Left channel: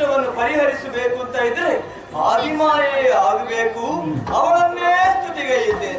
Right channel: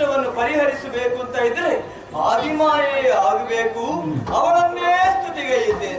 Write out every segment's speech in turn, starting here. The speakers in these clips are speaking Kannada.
ಕಷ್ಟವನ್ನು ಪರಿಹರಿಸಬೇಕು ಅಂತ ಇದ್ರೆ ಆದಿಮಾಯೇ ಆಗಬೇಕು, ಅವಳನ್ನೇ ಸ್ತುತಿಗೈಯುತ್ತೇನೆ.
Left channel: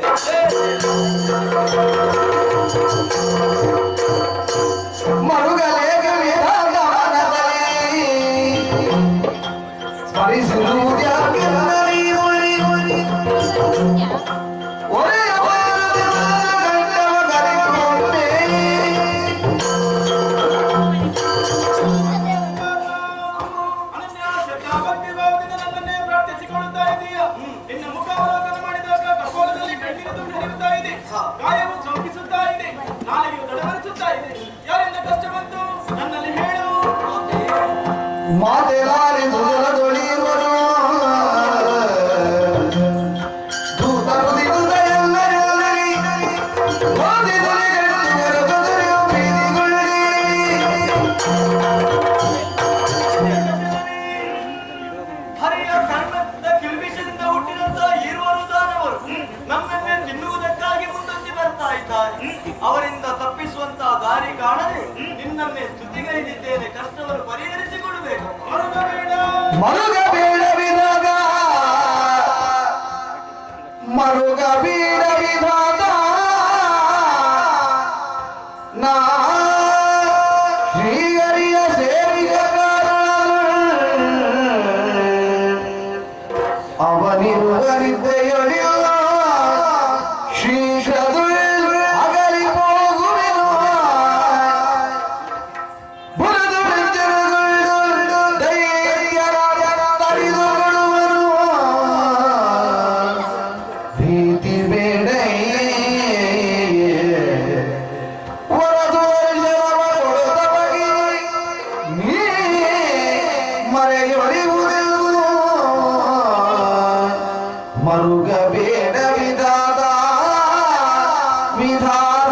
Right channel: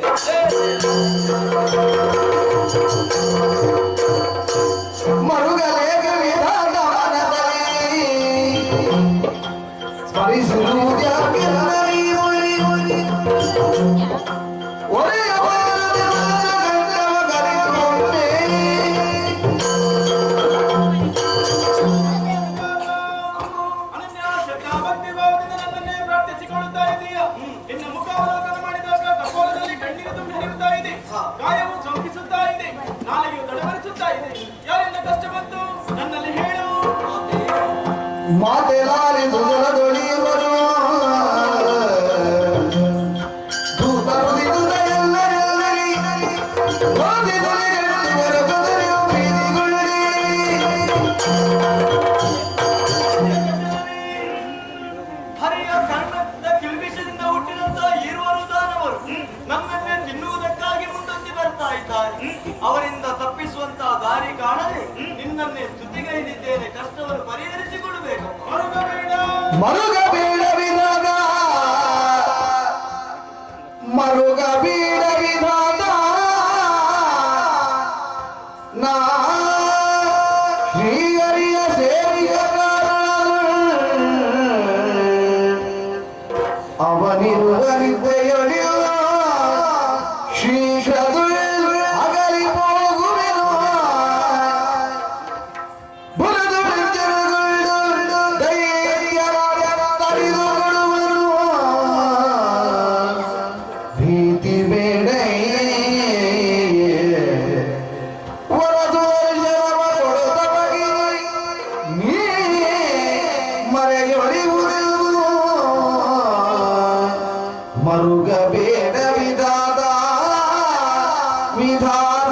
ಗಾಯವು ಕಂಪಿಸುತ್ತಾ ಇದೆ, ನಾಳೆಯು ತಡವರಿಸುತ್ತಾ ಇದೆ. ಯಾರಿಂದ ಕಷ್ಟ ಬಂತು ನನ್ನಲ್ಲಿ ಹೇಳು. ಮಾತೆಲಾರಿ ಸುಜಲದೊಳಿಯುವರು ಹರಿಯ ಕರ್ಣದ ಕಿಲ್ಬಿಷದಿಂದ ಹುಟ್ಟಿದಂತ ಇರುವರು ದಾನವರು ನಮ್ಮನ್ನೇ ತಿನ್ನುವುದಕ್ಕಾಗಿ ಮುಂದೊಂದಿ ಬರ್ತಾ ಇದ್ದಾರೆ. ಅವರಿಂದ ತಪ್ಪಿಸುವಂತಹ ದಾರಿ ಕಾಣದೆ ನಿನ್ನನ್ನೇ ಸ್ತುತಿಗೈದಿದ್ದೇನೆ. ಕಷ್ಟವನ್ನು ಪರಿಹರಿಸಿಕೊಡಬೇಕು. ಮರುಗಬೇಡವಿದಾಗ ಮರುಗಬೇಡವಿದಾಗ ನಾ ಶ್ರೀಹರಿಯ ಸೇರಿದ ಅವನಿರುವರಿದ್ದೆಯೊಡೆಯುವ ಶೀಘ್ರದು ಅಗಲಿ ಹೋಗುವೆನು. ಭೀತಿ ಬೇಡ ಮರೆಯೊಳಿಯುವುದು ಮರುಗ ಬೇಡ ವಿಧಾದ ವಿಧಾದ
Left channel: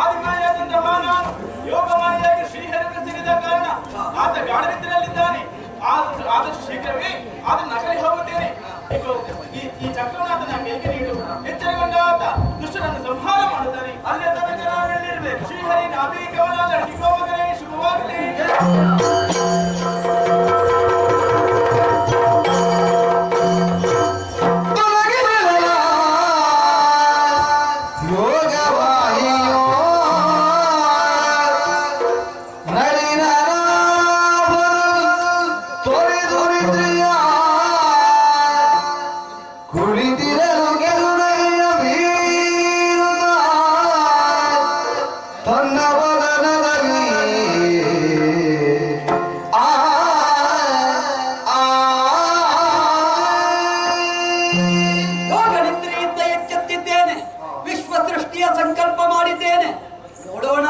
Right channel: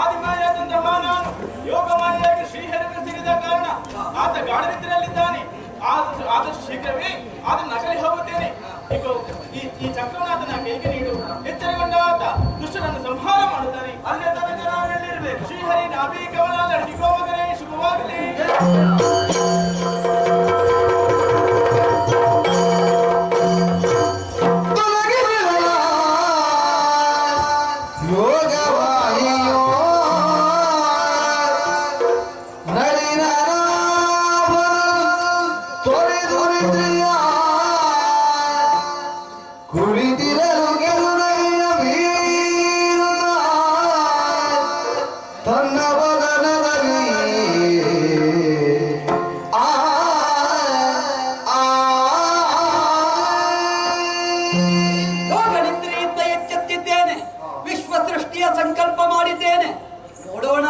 ಆದಿಮಾಯಾದಂತಹ ನಾನು ಯೋಗಮಾಯಾಗಿ ಶ್ರೀಹರಿಗೆ ಸಿಗಿದ ಕಾರಣ ಆತ ಗಾಢನಿದ್ರಲ್ಲಿದ್ದಾನೆ. ಆದಷ್ಟು ಶೀಘ್ರವೇ ಆತನ ನಕಲಿ ಹೋಗುತ್ತೇನೆ. ಈ ಚಕ್ರನಾಥನ ಕೈಗೆ ನೀಡು. ಎಚ್ಚರಗೊಂಡ ಆತ ದುಷ್ಟರನ್ನು ಸಂಹಾರ ಮಾಡುತ್ತಾನೆ. ಅಲ್ಲೇ ತನಕ ನಾವೆಲ್ಲಿರ್ಬೇಕು? ಶ್ರೀಹರಿ ನಾಭಿ ಕಮಲಾದ ಶುಭವಾಗಲೇ ಶುಭವಾಗಲಿ. ಯೋಗನಿದ್ರೆಯಿಂದ ಎಚ್ಚೆತ್ತಿದ್ದೇನೆ, ವಿಶ್ವ ಸೃಷ್ಟಿಯ ಸಂಕಲ್ಪ ಮಾಡಿದ್ದೇನೆ. ನೋಡೋಣ.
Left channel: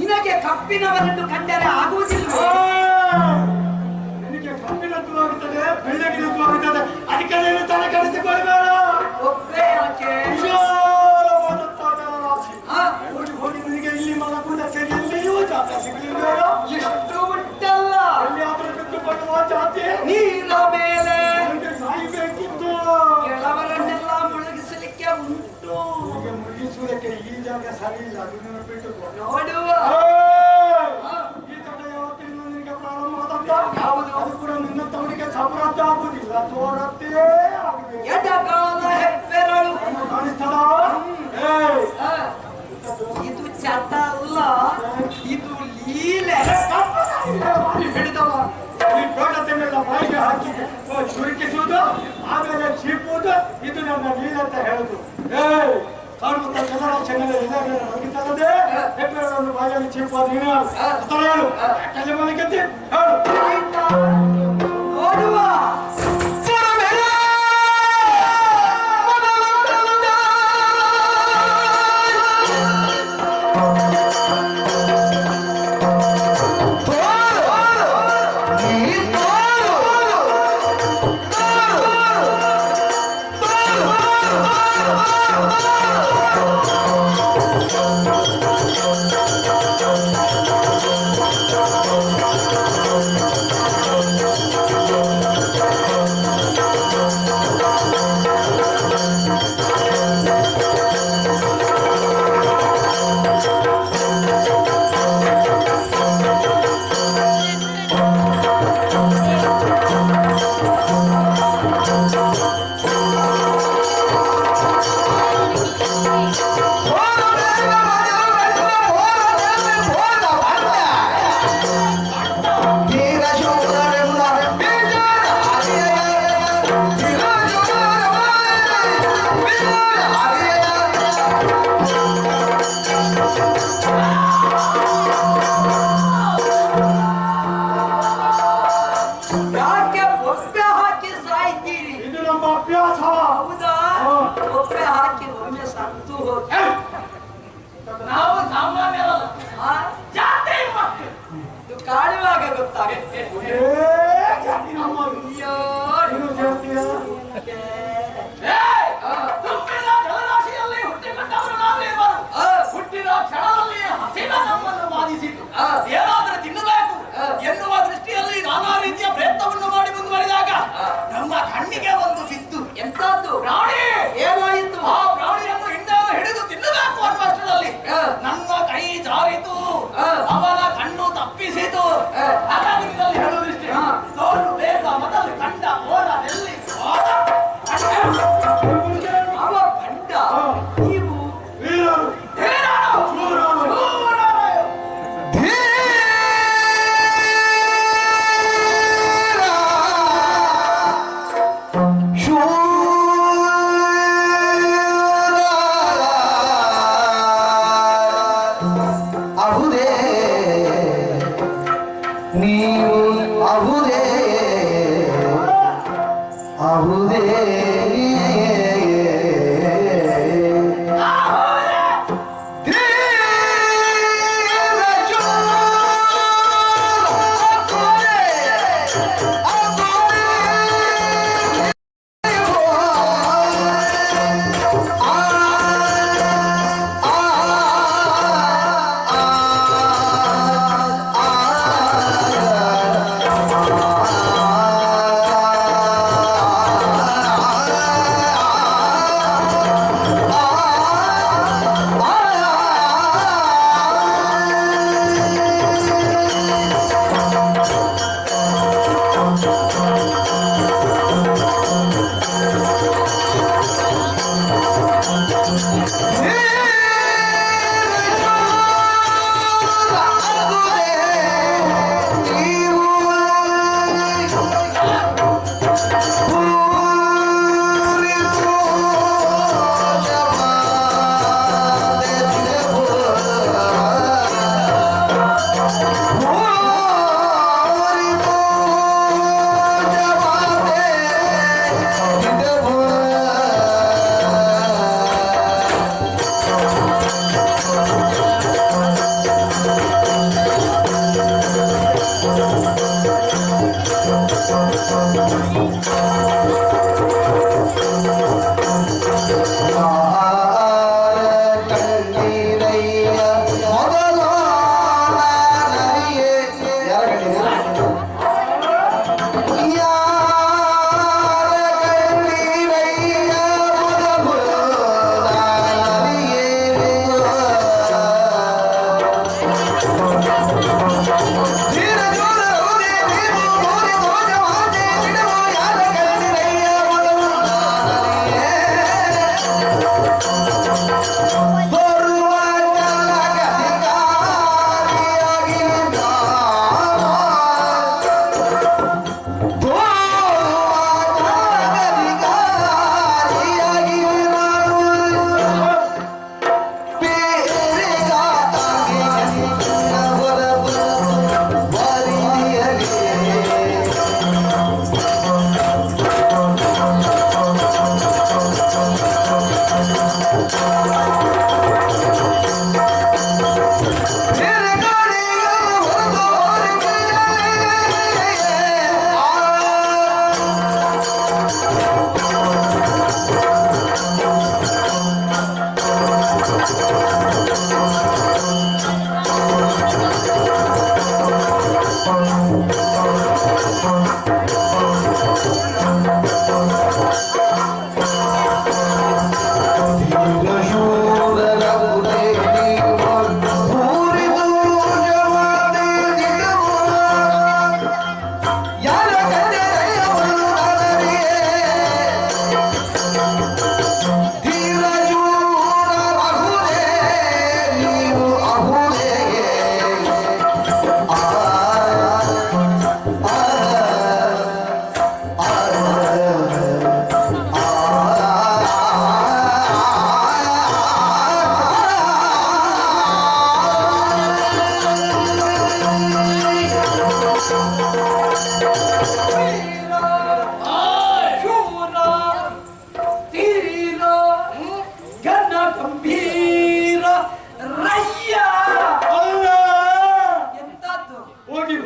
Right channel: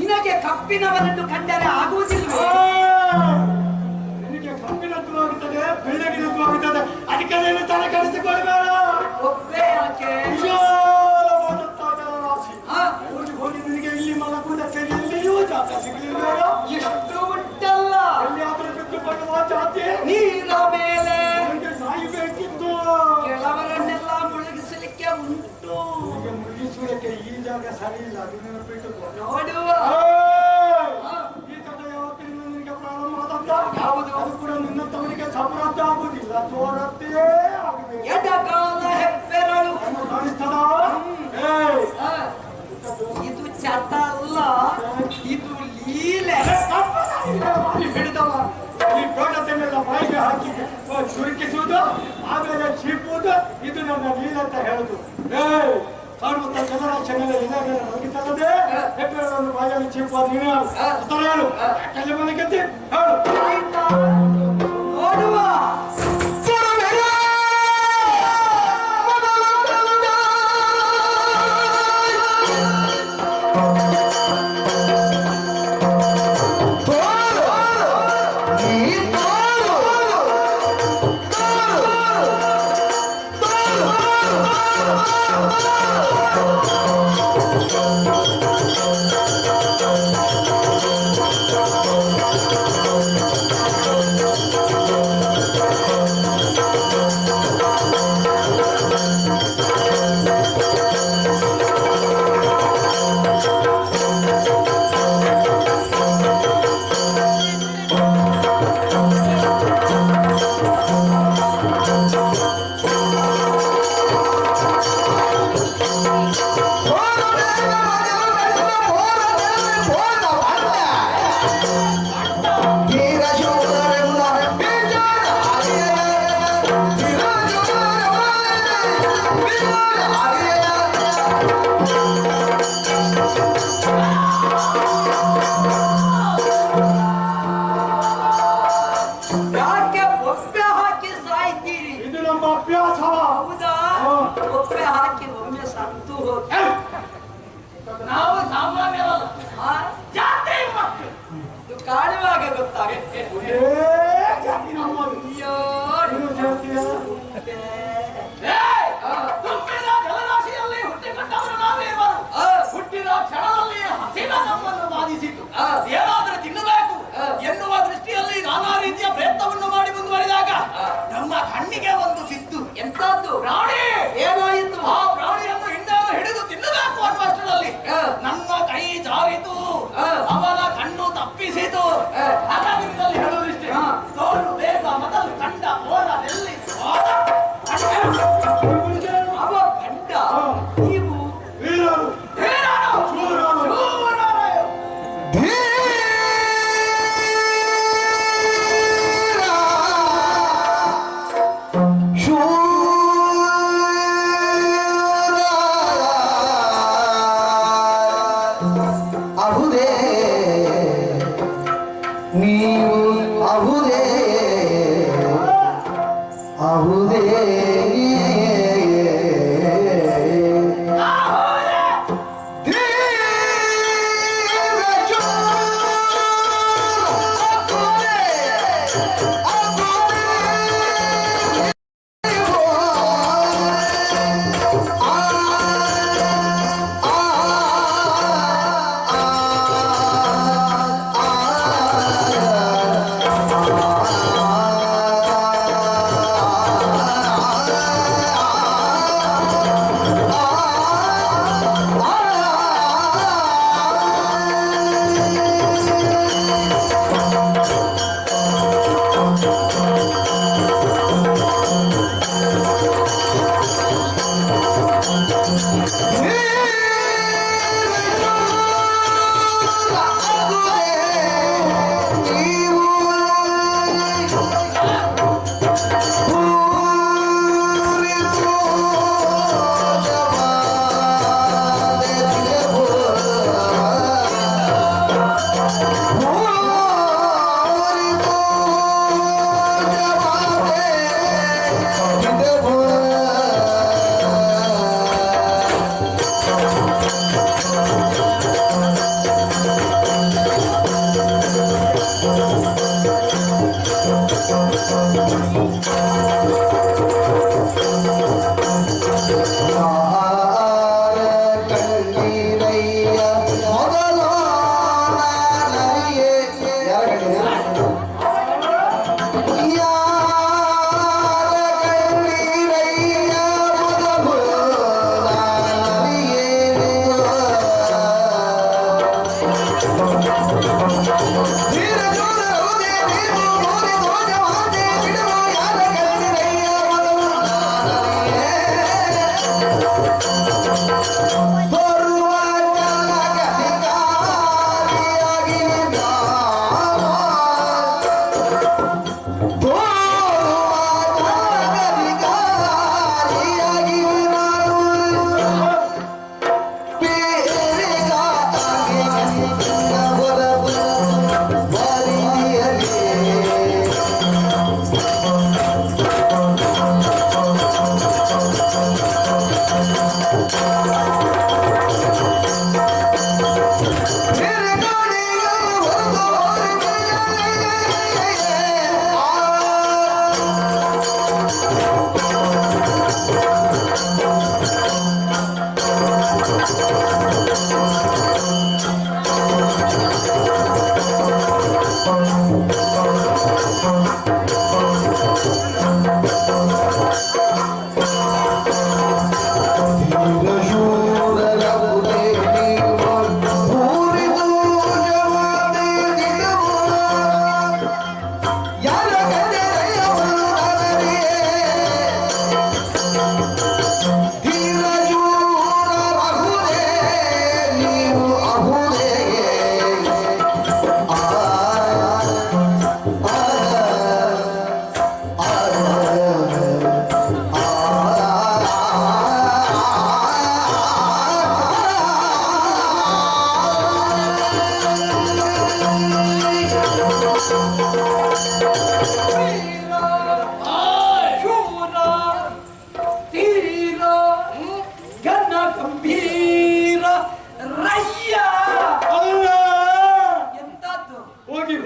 ನಿನಗೆ ಕಪ್ಪಿನವರನ್ನು ಕಂಡರೆ ಆಗುವುದಿಲ್ಲ. ನಿನಗೆ ಕಪ್ಪಿನದ್ದು ಆಗುತ್ತದೆ, ಬೆಳ್ಳಗಿನದ್ದು ಆಗುತ್ತದೆ. ಅದಕ್ಕೆ ನೀನು ತಲೆ ಕೆಡಿಸಿಕೊಳ್ಳಬೇಡ. ಒಬ್ಬೇ ಯಾಕೆ? ವಿಶಾಲವಾದಂತಹ ರಾಶಿ. ಹೋಗಿ ನಿನಗೆ ಇಲ್ಲಿ ಮಲಗುವುದಕ್ಕೆ ಎಲ್ಲಿಯೂ ಜಾಗ ಸರಿ ಇಲ್ಲ ಅದು ನೆನಪಿಟ್ಟು ನೋಡುವ ಈ ತಡ ಯಾವತ್ತಿನ ನಿನಗೆ ಪ್ರಾರಂಭ ಆದಂತ ಯಾವುದು? ಅದು ಕೂಡ ನಿನ್ನ ತವರಿಗೆ ಸಮೃದ್ಧ ಆಗುದಿಲ್ಲ ತೋರತ್ತೇ ಆಗಬೇಕು ಎಡಗಾಲ ಹೆಬ್ಬೆರಳು ಕಾಣಿಸ್ತದ ಆ, ಇದು ಚಟ ಅಲ್ಲ, ಇದು ಲೀಲೆ. ಹಿಡಿದವ ಈ ದೊಡ್ಡತೆನ್ನೆಲ್ಲ ಬಾಯಿಗೆ ಹಾಕಿ ಸುರುಕಿಸುವುದು ಆಮೇಲೆ ಚೀಪುವುದು ಇದು ನನ್ನ ಲೀಲೆ ಅಂತ ಹೇಳುದು ಕಾಣುತ್ತ ಜನರಾಶನೆಲ್ಲ ಇದಾಗ ಹೋಗಿದ್ದಲ್ಲದೆ ಹೆಬ್ಬೆರಳನ್ನು ಬಾಯಲ್ಲಿ ಚೀಪುವ ನೀನು ಹೇಳು ಯಾಕಲ್ಲಿ ಮನೆಗೆತ್ತಿ ಹೇಳು ಆಯ್ತಾ? ನೋಡುವ ಯಾಕೆ ಒಪ್ಪೆ ಹಾಕಿ ಸಾಯ್ತೀರಿ? ಇದು ನಮ್ಮ ಅಭ್ಯಾಸ ಹೌದಾ? ಒಪ್ಪೆ ಹಾಕಿ ಒಮ್ಮೆ ಸತ್ತು ಹೋಗಿ ನಾವು ಸಾಮಾನ್ಯರಲ್ಲ, ಆ? ಜಾತಿ ಮಕ್ಕಳು. ಇದು ಕಾಣುವಾಗ ಗೊತ್ತಾಗುತ್ತೆ. ಏ ಜಾತಿ ನಮ್ಮದು ಅಯ್ಯೋ ನೀನು ಜಾತಿಯ ತುಂಬಿದ ಜಲರಾಶಿಯಲ್ಲಿ ಹುಟ್ಟಿಕೊಂಡವರು ನಾವೇವರು. ಹುಟ್ಟಿದ ಕ್ಷಣದಲ್ಲಿ ಹಸಿದ ನಮ್ಮನ್ನು ಬಾಧಿಸಿತು. ಏನಾದರೂ ತಿನ್ನಬೇಕು ಎನ್ನುವ ದೃಷ್ಟಿಯಲ್ಲಿ ನಾನಾ ರೀತಿಯ ಪ್ರಯತ್ನವನ್ನು ಮಾಡಿ ಮುಂದುವರಿದಾಗ ನಮ್ಮ ಕಣ್ಣಿಗೆ ಒಂದು ಸಿದ್ದು. ಎಂತದ್ದು? ಪ್ರಾಣಿ. ಏನಾಯಿತು? ಆ ಪ್ರಾಣಿಯನ್ನು ಹಿಂದೆ ಹಿಡಿದು ತಿನ್ನಬೇಕು ಅನ್ನುವಷ್ಟರಲ್ಲಿ ನನ್ನ ಕೈ ಜಾರಿತು, ಅವನ ಕಣ್ಣು ತಪ್ಪಿಸಿತು. ಹಾಗಾಗಿ ಹೇಳುವುದಿಷ್ಟೇ, ತೋಳು ಬೇಗ ಮೊದಲು ಕಂಡ ಓಡದಲ್ಲಿ ಅವ ಗಂಡ, ನೀವು ವೀರರು ಶೂರರು ಅಹುದೇ ನೀವು ಅಹುದೇ ಅಹುದೇ ಆ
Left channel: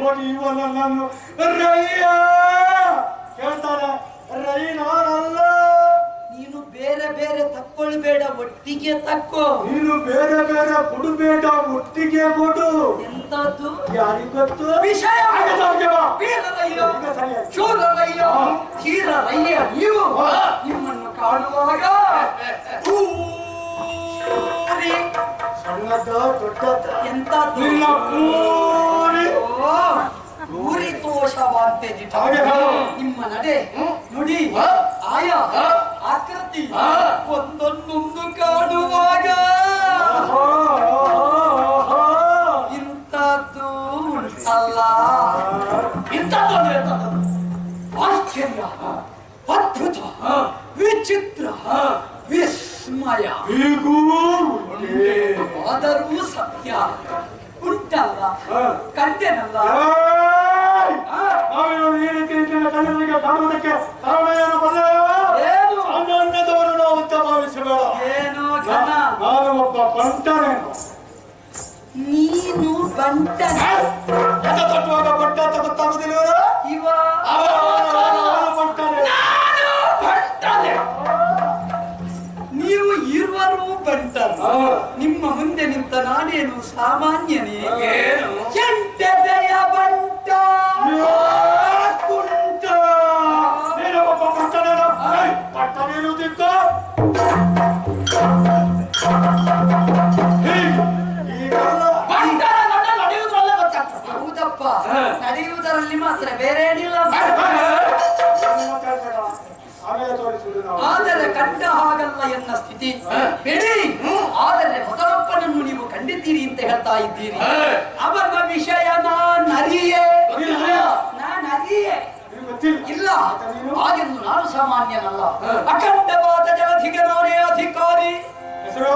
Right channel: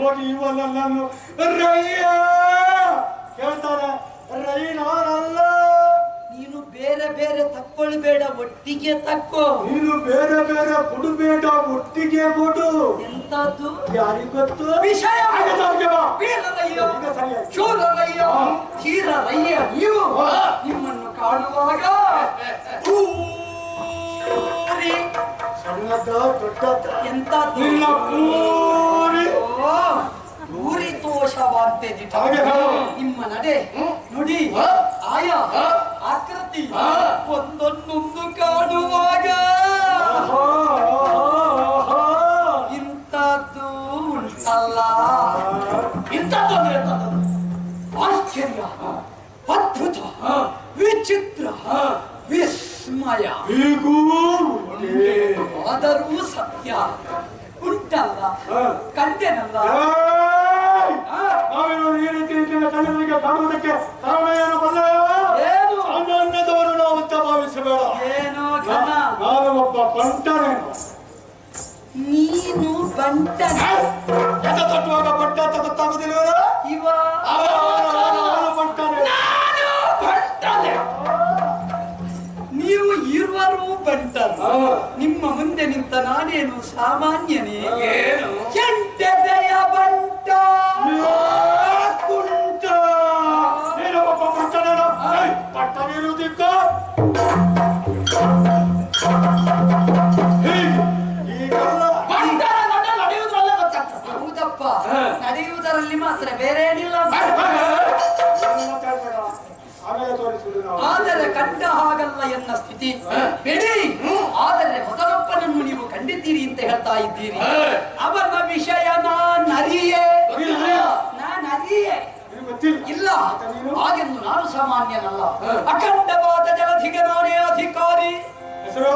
ಹೋಗಿ ಇವಲ್ಲ ನಾನು ರಯ್ಯ ಹೇಳ್ತಾರೆ ರೈ ನಾನಲ್ಲ. ನೀನು ಬೇರೆ ಬೇರೆ ತಕ್ಕೊಳ್ಬೇಡ, ಒಟ್ಟಿಗೆ ತಕ್ಕೋ. ನೀನು ಬೇರೆ ಬೇರೆ ಕೊಡಬೇಡ, ಒಟ್ಟಿಗೆ ಕೊಡು. ಎಂತದ್ದು ಯಾರಿಗ್ ಗೊತ್ತು ವಿಷಯ? ವೀರರಯ್ಯ, ಶೂರರಯ್ಯ, ಧೀರರಯ್ಯ ನೀವು ನಿಮ್ಮನ್ನು ಕಾಣುವಾಗ ಸಣ್ಣದ ದೊಡ್ಡದ ಎಂತದ್ದು ನಿನ್ನ ಪೂರಿ ಊರಿ ತೋಷವಾಂತೆ ದಿಟ. ನಿಮ್ಮ ನಡೆ ನುಡಿ ಆಯಾ ಆಕೃತಿ ಒಂದೊಂದೊಂದು ಕಾಣುವಾಗ ಇಂಥದ್ದು ಉಂಟಲ್ಲ. ಇಂಥದ್ದು ಅಂದ್ರೆ ಆಶ್ಚರ್ಯ, ಅದ್ಭುತ, ವಿಚಿತ್ರ, ವಿಸ್ಮಯ ಆದರೂ ಸತ್ಯ ಉಂಟಲ್ಲ, ಕಂಡೆನಲ್ಲ. ಕಾಣುವುದಕ್ಕೆ ಕಾರಣ ಏನು ಬಲ್ಲ? ಅನ್ನದವರು ನಾವು ಅಂತ ಭಾವಿಸಬೇಡ. ಏನೋ ಘನ, ನಾನು ಒಬ್ಬ ಬಂಟನೇನು. ನೀನು ಬಂಟನ ತಟ್ಟುವಾಗ ಬಂಟ ಅಂತ ಗೊತ್ತಾಗುದಿಲ್ಲ. ಇವ ಬಂಟನೆ, ನೀವು ಇರುವರು ಬಂಟರು. ನಿಮ್ಮ ಮುಂದೆ ನಿಂತ ನಾನೇನು ಸಾಮಾನ್ಯನೇ? ಎಂಟೆದೆಯ ಬಂಟ ಕುಂಟ. ನೀನು ಒಬ್ಬ ಬಂಟನೇನು. ಬಂಟನೇನುವುದಿಕ್ಕ ಹೌದಪ್ಪ, ನಡೆಯುವುದರಲ್ಲಿ ಮಾತ್ರ ಬೇರೆ ಏನಿಲ್ಲ. ಆದರೆ ಕಂಡ ಹಾಗಲ್ಲ ಎನ್ನ ಸ್ಥಿತಿ ಬಿಡಿ. ಆದರೆ ಮೊದಲೊಬ್ಬನನ್ನು ನೀವು ಕಂಡಿದ್ದೀರಿ ಅಂತ ಹೇಳ್ತಾ ಇದ್ದೀರಿ. ಅವನ ವಿಷಯ ನಾನರಿಯೇ ಇಲ್ಲ. ಹಾಗೆಂದು ನಾನು ಸಾಮಾನ್ಯನಲ್ಲ. ಅಖಂಡವಾದ ಜಲಧಿಗೆ ನಾನೇ ಅಧಿಕಾರಿ. ಹೆಸರು